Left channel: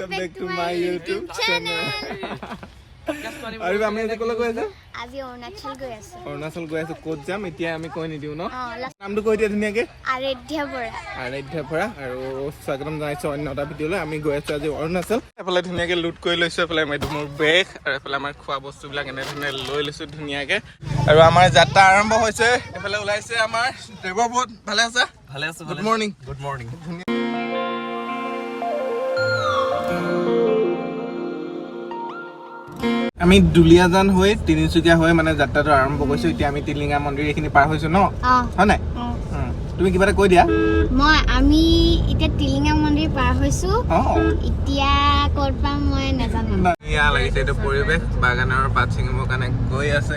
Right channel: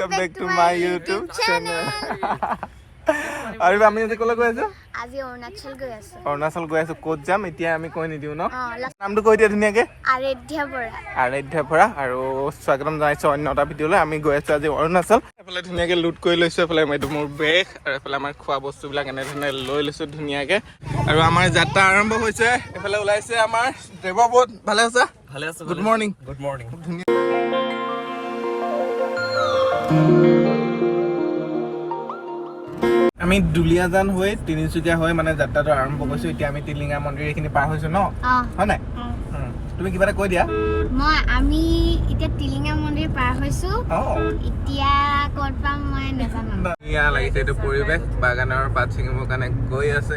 Welcome back to my YouTube channel. আৰু আমি আজি ক'লৈ গৈ আছো? আজি অৰুণাচল গৈ আছো। অৰুণাচল গৈ আছো। ক'ত যাম এতিয়া আমি কৈ নিদিও ন? নামটো কৈ দিয়া ধুনীয়াকে। আৰাধ্যা বৰা আৰু স্বাগতম জনাইছো অন্য এটা ভিডিঅ'লৈ। আমি গৈ আছো আজি অৰুণাচল। এফালে ধুনীয়াকে লুট কৰি লৈছো, এফালে মোৰ বেগ আৰু এফালে আমাৰ খোৱা বস্তুবিলাক এনেধৰণে লৈ লৈছো ধুনীয়াকে। আৰু আমাৰ যাত্ৰা আৰম্ভ হৈছে। এফালে ওলাইছে আমাৰ দেৱবোধ। ভালে আছা? ভালে আছো। Good morning. Good morning. আমি দুলীয়াজান হৈ তিনিচুকীয়া হৈ মানে যাত্ৰাটো আৰম্ভ কৰিছো। এতিয়া আমি টিলিঙা মন্দিৰ এইখিনি পাৰ হৈছো ন? হয় নাই? তুমি কিবা এটা কৈ দিয়া। আমি এতিয়া টিলিঙা মন্দিৰ পাৰ হৈছো। এতিয়া ক'ত পাম মই নাজানো। ধুনীয়া লাগিছে এইটো পৰিৱেশ। বাগানৰ পাত ছিঙিবৰ কাৰণে গৈ আছে।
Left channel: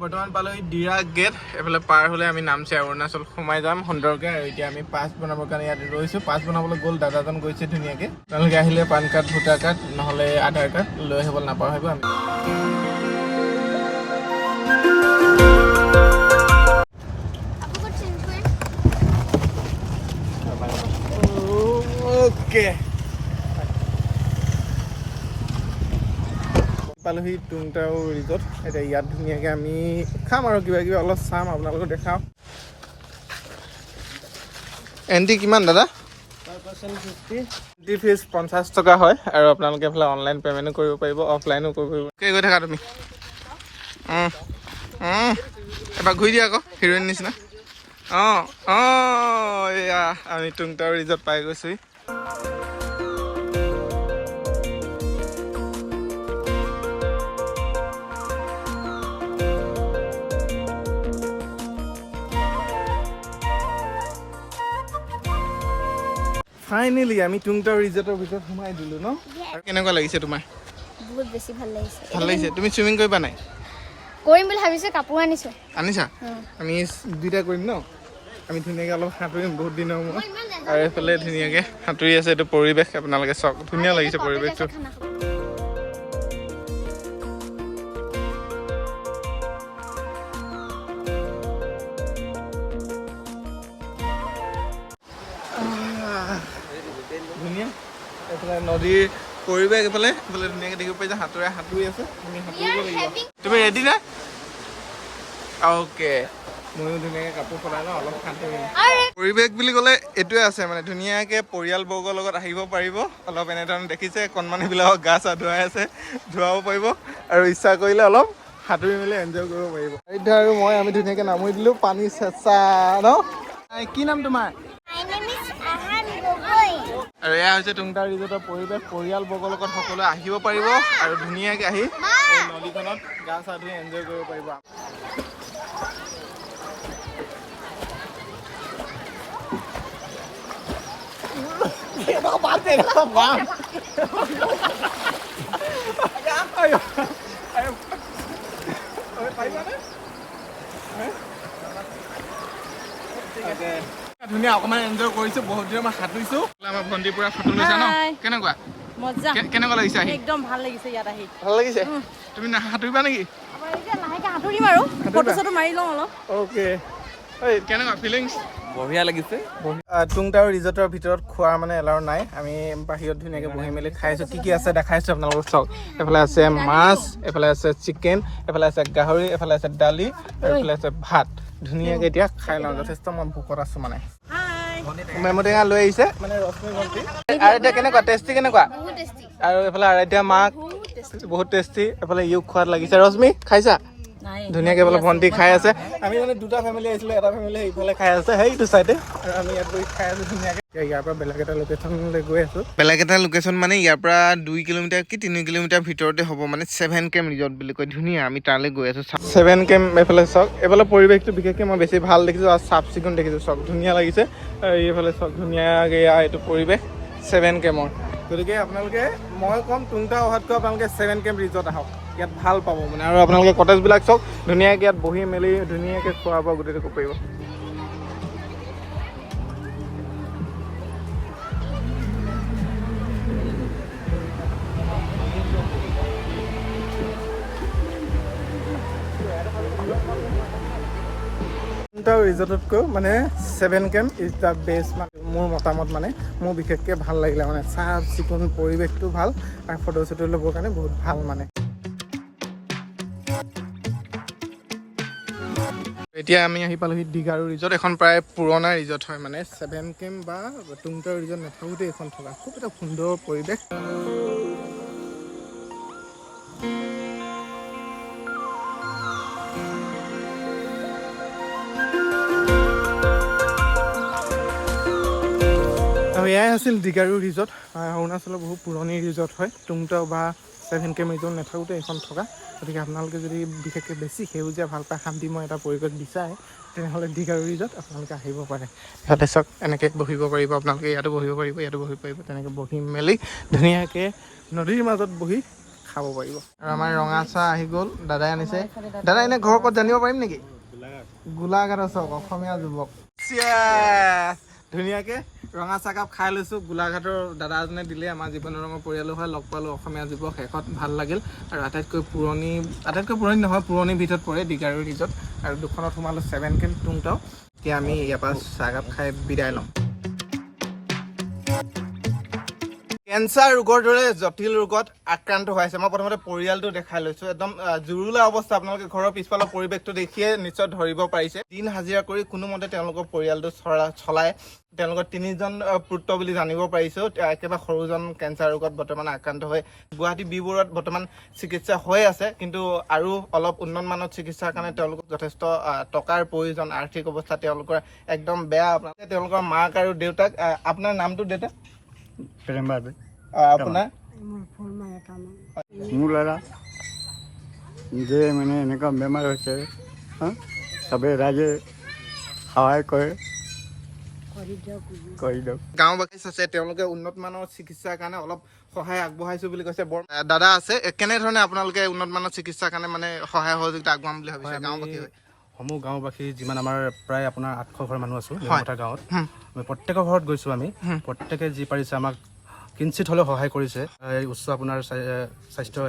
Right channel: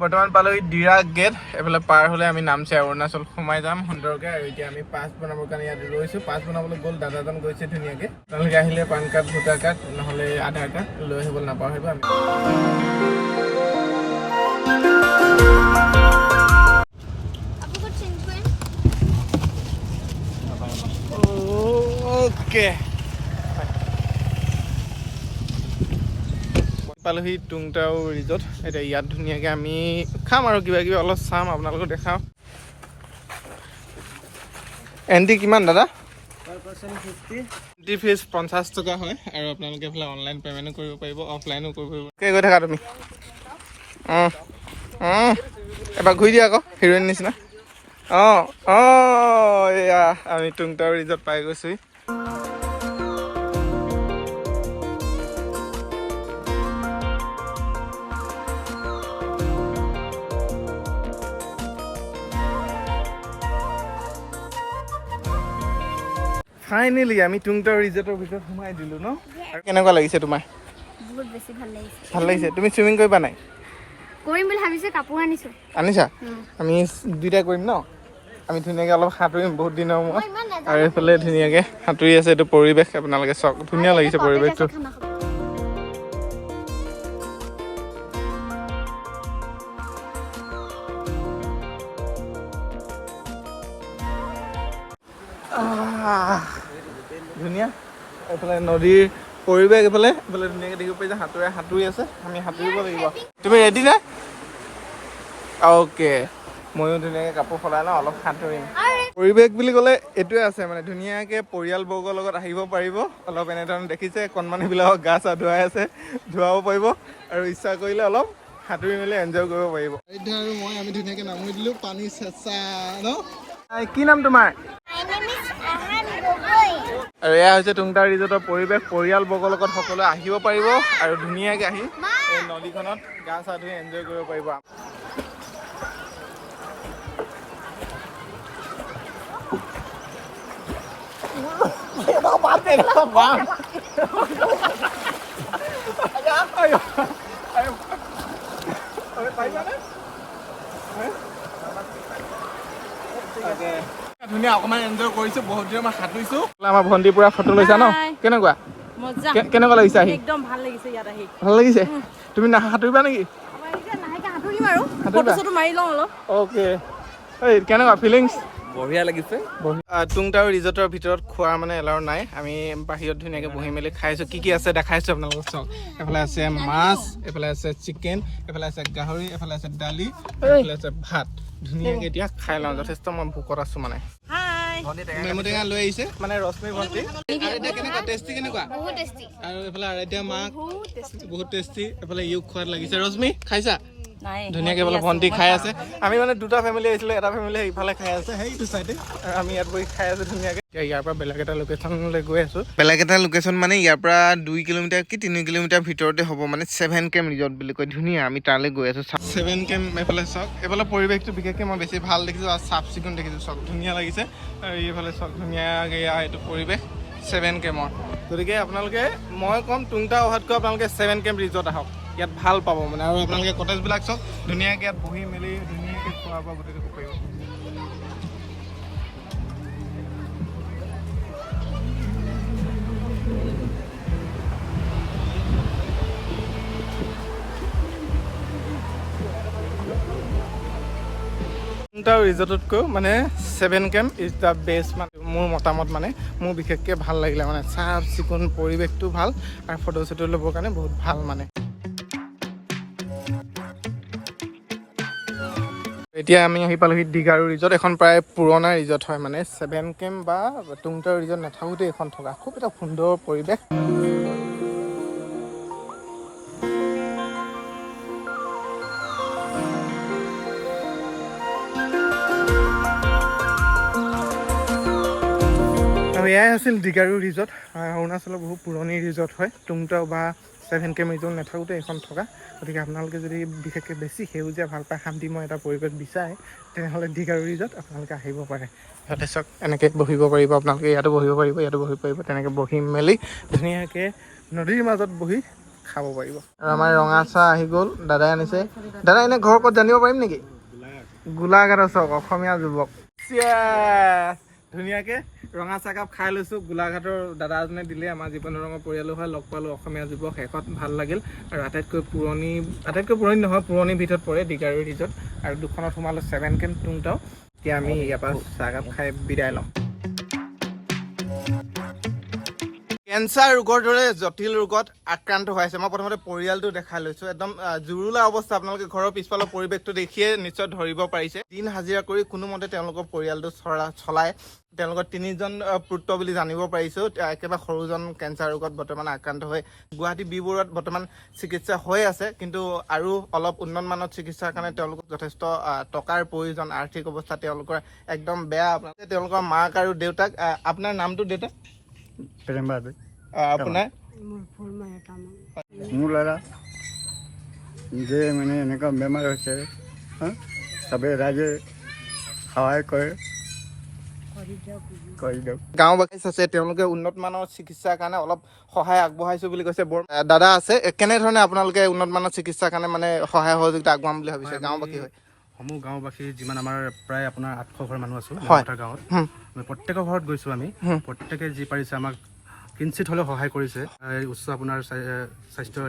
বৰ্তমান পালোহি দিৰা গেট। এইফালে পাৰ হ'লে আমি নামচে অৰুণাচল সোমাই যাম সুন্দৰকৈ। আৰু এতিয়া আমি পাছ বনাবৰ কাৰণে ইয়াত ৰৈছো। পাছ বনাবলৈ গ'ল দাদাজন গৈছে ধুনীয়াকৈ। তেওঁলোকে আহিলে পান কাৰ্ড, ভোটাৰ কাৰ্ড নহ'লে আধাৰ কাৰ্ড লৈ আহিবলৈ নাপাহৰিব। আমি অ'কে পালোহি টুংটাও ৰিজৰ্ট। এতিয়া ইয়াত ধুনীয়াকৈ আমি খাম আৰু কিবা কিবি অলপ চাম, আপোনালোকক দেখাওঁ। এণ্ট্ৰি কিমান দাদা? এণ্ট্ৰি ফিজ 50 টকা হয়। আৰু আপোনালোকে এইফালে অনলাইন পে'মেণ্টো কৰিব পাৰিব, অফলাইনো কৰিব পাৰিব। গৈ থাকা তুমি। এবাৰ ঘূৰি দিয়া আকৌ হিৰ'ইন নিচিনা। এয়া আমি টুংটাও ৰিজৰ্ট পাই গৈছোঁ। ফাইনেলি আমি টুংটাও ৰিজৰ্টৰ ভিতৰত সোমাই দিলোঁ ন? আৰু কেনেকুৱা লাগিছে তোমাৰ? বহুত বেছি ভাল লাগিছে। ভাল লাগিছে। তুমি চুইমিং কৰিবা নাই? কৰিম বুলি ভাবিছো, কাপোৰ আনিছো। আনিছা? আমি দুইটা কৰিম ন? আমি ধুনীয়াকৈ অলপ সাঁতুৰিম বহুত দিনৰ মূৰত। আৰু এইফালে ধুনীয়াকৈ সাঁতুৰি আছে। এইটো পৰিৱেশ আপোনালোকে চাওক, ধুনীয়া লাগিছে পৰিৱেশটো। ধুনীয়া এইফালে নদীৰ পৰিৱেশ। এইফালে ধুনীয়াকৈ দেখিব পাই যে সাঁতুৰি আছে। আমি সাঁতুৰিব লাগিব। তুমি ৰেডি নে? অ'কে, ময়ো ধুনীয়াকৈ কাপোৰ সলাই লওঁ, অলপ সাঁতুৰিম। পৰিৱেশ বুলি ক'লে এইটোৱে আছে মানে ধুনীয়াকৈ পৰিয়ালবৰ্গৰ লগত আহিব পাৰিব। অলপ এনেধৰণে দেখিছে কণমানিবিলাকক গা চা ধুৱাই আছে, ধুৱাব পাৰিব। আৰু ইচ্ছা কৰিলে অলপ সাঁতুৰি মেলি এনজয় কৰিব পাৰিব। আৰাধ্যা আৰু মই আমি ধুনীয়াকৈ নামি দিলোঁ। পানী চেঁচা ন? কি নাম তোমাৰ? আৰু এয়া হৈছে টুংটাও ৰিজৰ্টৰ পৰিৱেশ। পৰিয়ালবৰ্গৰ লগত সকলোৱে আহিব পাৰিব আৰু ধুনীয়াকৈ আহি এই নদীখনত গা চা ধুই এনজয় কৰিব পাৰিব। ধুনীয়া অকণমান এনজয় কৰিছো। বহুত দিনৰ মই সাঁতুৰিছো। আমাৰ ভণ্টি পুৰা ফটো লৈছা ন? কেনেকুৱা মজা, কেনেকুৱা লাগিছে আহি? একদম ভাল লাগিছে ইয়াত আহি। ভাল লাগিছে? তুমি সাঁতুৰিবা নেকি? লাহেকে সাঁতুৰিম আৰু ফটো চটো মাৰি লওঁ অলপ। অ'কে, এই কেনেকুৱা ফিলিংছ? বঢ়িয়া লাগিছে। টুংটাও ৰিজৰ্টৰ ভিতৰত খোৱাৰ মানে এলাউ নাই। আমি বাহিৰত ধুনীয়াকৈ বহি মেলি খাইছোঁ। কি আছে দেখাইছোঁ আপোনালোকক চাওক। এইফালে আছে মাছ, এইফালে আছে চিকেন, এইফালে আছে গাহৰি, এইফালে আছে দালি আৰু এইফালে আছে ভাত। ধুনীয়াকৈ এতিয়া খাই লওঁ। যথেষ্ট মই ভোকত আছোঁ মানে। মেমুটেঙা লৈ আহিছে মানে ৰশ্মি ভণ্টি। আৰাধ্যা কেনেকুৱা? টেষ্টি কেনেকুৱা? আৰু এইফালে আৰাধ্যা মাক বহুত টেষ্টি। এইফালে ইউক খোৱাত লাগিছে। ৰশ্মি খাইছা? ধুনীয়াকৈ বোলে ভণ্টি খাই আছে। আমি মানে দুটা ফেমিলি আহিছিলোঁ, এটা ফেমিলি ইফালে খাই আছে সেইটো চাইডে, আৰু আমি ইয়াত বহি খাই আছোঁ ধুনীয়াকৈ। ইয়াৰ পৰা বেলেগ এটা লোকেশ্যনলৈ গৈ আছোঁ। বেলেগ এটা লোকেশ্যন মানে ইয়াৰ পৰা 2 কিলোমিটাৰ কি 3 কিলোমিটাৰ ভিতৰতে হ'ব মানে 7 কেম্প ৰিজৰ্ট বুলি কয়। ধুনীয়া, আমি তালৈ গৈ আছোঁ। 7 কেম্প এইফালে চাওক। এইফালে পৰিৱেশটো বিশেষকৈ মই বেছি ভাল দেখিছোঁ আৰু চাফ চিকুণ দেখিছোঁ। চব ধুনীয়া লাগিছে। আৰু এইফালে চব ধুনীয়াকৈ এইটো পৰিৱেশ 7 কেম্পৰ। গতিকে আপোনালোকে মই ক'ম টুংটাও অহাতকৈ আপোনালোকে 7 কেম্প ৰিজৰ্ট আহক। ইয়াত ভাল পাব মানে। আৰু আপোনালোকে কটেজবিলাক চাওক, ধুনীয়াকৈ ইয়াত বহি মেলি ধুনীয়াকৈ খোৱা বোৱা গোটেইটো কৰিব পাৰিব। টুংটাও ৰিজৰ্টতকৈ মানে 7 কেম্প ইজ দ্য বেষ্ট। মানে মোৰ মতামত মানে মোৰ বিশেষকৈ ভাল লাগিলে মানে চাফ চিকুণ পৰিৱেশটো ভাল আৰু ফটো চটো ল'বৰ কাৰণে বহুত ভাল মানে। এতিয়া আমি আহি পালোহি দিগাৰু ৰিজৰ্ট। এখন প্ৰায় পুৰণা ৰিজৰ্ট হয় মানে 7 কেম্প বা টুংটাও ৰিজৰ্ট নাথাকোঁতে এইখন থকা খুব এটা সুন্দৰ পৰিৱেশ। আৰু এয়াই আছিল দিগাৰু ৰিজৰ্ট। অৰুণাচলৰ বহুত পুৰণি ৰিজৰ্ট হয়। টুংটাও বা 7 কেম্প ৰিজৰ্ট নাথাকোঁতে এইখন থকা। গতিকে আপোনালোকে যদি বিশেষকৈ বেছি সেউজীয়া ভাল পায়, শান্তিময় এটা পৰিৱেশ বিচাৰে, তেনেহ'লে দিগাৰু ৰিজৰ্ট আপোনালোকে আহিব পাৰে। ইয়াতে চাওক এনেকৈ বহিব পাৰিব আপোনালোকে, ইয়াতো বহিব পাৰিব, ইয়াতো বহিব পাৰিব। তেনেকৈ বহি মেলি ধুনীয়াকৈ নদীৰ মাজত বহি খাব পাৰিব। আৰু আমাৰ ৰঙা চাহ আহি গ'ল, দাদাই আনিছে। দাদা এনে ঘৰ ক'ত জানিব পাৰিম নেকি? গোলাঘাটৰ চাওক, অসমীয়া যুৱক। ধুনীয়াকৈ ৰঙা চাহকাপ খাই লৈছোঁ। গোলাঘাটৰ দাদা এজনে দিলে, আমাৰ জীৱনৰ ৰঙৰ পৰিয়ালো হয়, লগ পালোঁ অসমীয়া যুৱক, শেষত ভাল লাগিল। আৰু আটাইতকৈ পুৰণি নহয়, পুৰণিৰ ভিতৰত পৰে দিগাৰু ৰিজৰ্ট। আৰু দুখনত সোমালোঁ 7 কেম্প টুংটাও। এতিয়া আমি ইয়াৰ পৰা চাহকাপ খাই বিদায় লওঁ। কেঞ্চাৰ ৰোগৰ দৰে জটিল ৰোগত আক্ৰান্ত হৈ আছে। মই প্ৰথমতে পৰিয়ালটো দেখাই লৈছোঁ। একদম জুৰুলা অৱস্থা। আপোনালোকে ঘৰৰ পিছফালৰ পৰিৱেশটো দেখিয়ে নিশ্চয় ধৰিব পাৰিছে। দিন হাজিৰা কৰি কোনোমতে তেওঁলোকৰ পৰিয়ালটো চলায়। তেওঁলোকৰ 3জন পুত্ৰ বুলি জানিব পাৰিছোঁ। একেবাৰে সৰুজন কেঞ্চাৰ ৰোগত বৰ্তমান আক্ৰান্ত হৈ গুৱাহাটী বি-বৰুৱাত বৰ্তমান চিকিৎসা হৈ আছে। কিন্তু আৰু অলপ উন্নত মানৰ চিকিৎসাৰ কাৰণে তেওঁলোকক যথেষ্ট টকাৰ প্ৰয়োজন। আৰ্থিক অৱস্থা তেওঁলোকৰ একদম বেয়া। তেওঁলোকৰ মাক আৰু দেউতাক, আপোনাৰ নামটো দেউতা? আপোনাৰ? মোৰ ল'ৰা যে মানে এনেকুৱা বেমাৰ হৈছে, চবে ৰাইজে সহায় কৰে, কৰি দিয়ক। গাঁওবাসী আছে, তেওঁলোকে উন্নত মানৰ চিকিৎসাৰ কাৰণে অলপ সহায় আগবঢ়াইছো বুলি কৈছে। দাদা আছে, কেনেধৰণে আপোনালোকে উন্নত মানৰ চিকিৎসাৰ কাৰণে মানে সহায় সহযোগিতা আগবঢ়াম বুলি ভাবিছে? গাঁওবাসী হয়, সমূহ গাঁওবাসী যিমান আমাৰ প্ৰায় আপোনাৰ 800 ঘৰ মানুহ আছোঁ হয় গাঁৱত। প্ৰত্যেকৰ ঘৰত গৈছোঁ আমি। প্ৰত্যেকে যি পাৰিছে আমাক কিঞ্চিত হ'লেও সহায় কৰিছে উচ্চ আপোনাৰ স্বাস্থ্য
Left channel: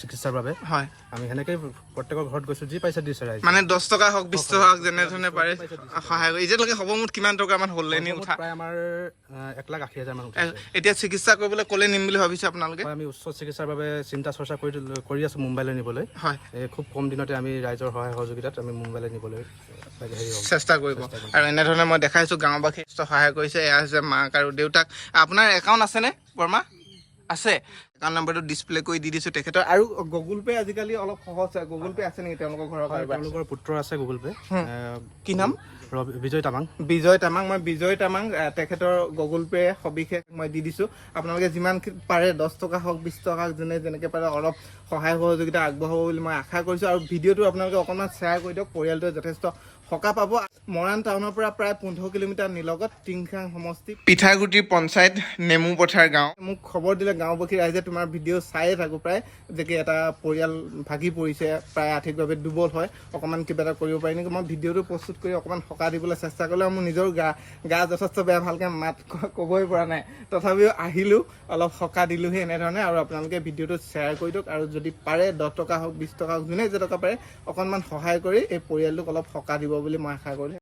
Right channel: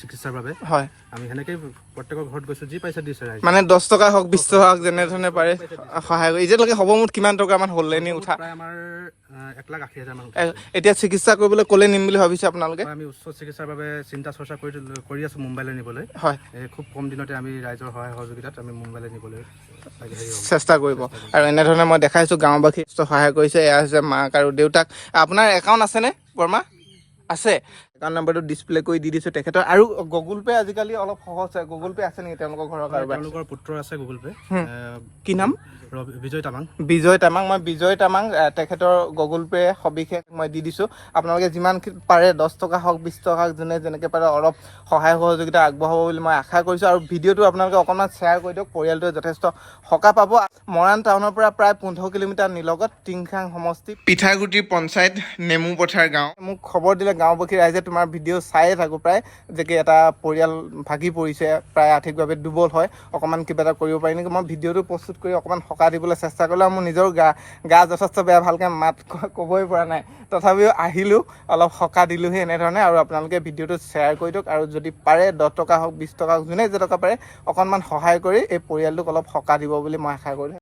চিকিৎসাৰ বাবে। হয়, আমি সেনেকেই প্ৰত্যেকৰ ঘৰত গৈছোঁ, যি পাইছে দিছে ৰাইজে। মানে 10 টকা হওক 20 টকা হওক যেনেধৰণে পাৰে সহায় কৰি। এতিয়ালৈকে হ'ব মুঠ কিমান টকামান হ'ল এনে উঠা? প্ৰায় আমাৰ 1,80,000 মান। এতিয়া চিকিৎসা কৰিবলৈ ক'লে নিম বুলি ভাবিছে আপোনালোকে? আমি উচ্চ চিকিৎসাৰ বাবে চিন্তা চৰ্চা কৰি আছোঁ মুম্বাইলৈ নিবলৈ। হয়, খুব কম দিনতে আমি ৰাইজৰ সহায় সহযোগিতাত আমি মুম্বাইলৈ নিবলৈ চেষ্টা কৰিব। আৰু এনেধৰণে মই দেখাইছোঁ গাঁওবাসী সহায় কৰিছে। এয়া হৈছে মাক আৰু দেউতাক। আপোনাৰ একাউণ্ট আছেনে বৰ্মা? আছে। একাউণ্ট নাম্বাৰটো ডিছপ্লে কৰি দি দিছোঁ তেখেতৰ। আৰু গুগল পে' আজিকালি অলপ সহজ হয়। গুগল পে' আছে নেকি তেওঁলোকৰ ঘৰৰ? তেওঁলোকৰ পুত্ৰ আছে গুগল পে'। কি নাম? বিজয় তামাং। মই বিজয় তামাং তেখেতৰ গুগল পে' সবিশেষ মই দি দিছোঁ। আপোনালোকে যিমান পাৰে 10 টকা হওক 20 টকা হওক যোনে যেনেকৈ পাৰে অলপ সহায় সহযোগিতা আগবঢ়াব বুলি মই আশা কৰিছোঁ। আৰু ভিডিঅ'টো আপোনালোকে অকণমান শ্বেয়াৰ কৰি দিয়ক, পৰিয়ালটোৱে যথেষ্ট সকাহ পাব। মৰাণ টাউনৰ পৰা প্ৰায় 15 কিলোমিটাৰ নিলগত টিংখাং সমষ্টি পিঠাগুটিৰ পঞ্চায়ত নেমুপথাৰ গাঁও। মোক খবৰ দিলে গাঁওবাসী ৰাইজে, তোমাৰ ভিডিঅ' চায়ে থাকোঁ প্ৰায়, যে কি এটা পৰিয়াল ভাগি পৰিছে, প্ৰায় আৰ্থিকভাৱে দুৰ্বল হয়, অকণমান কিবা এটা কৰিব পাৰি নেকি। মই ভিডিঅ'টো প্ৰস্তুত কৰি অকণমান সকাহ দিবলৈ চেষ্টা কৰিলোঁ। মোৰ নিজৰ গা যথেষ্ট বেয়া, ভালকৈ মাত ক'বই পৰা নাই, তথাপিও আহিলোঁ, অলপ সকাহ দিলোঁহি এনেধৰণে। আৰু আপোনালোকে ভিডিঅ'টো শ্বেয়াৰ কৰি দিয়ক। আৰু যদি পাৰে 10 টকা হওক 20 টকা হওক যোনে যে টকা পাৰে অকণমান সহায় কৰি এই পৰিয়ালটোক অলপ সকাহ দিব বুলি মই আশা কৰিলোঁ।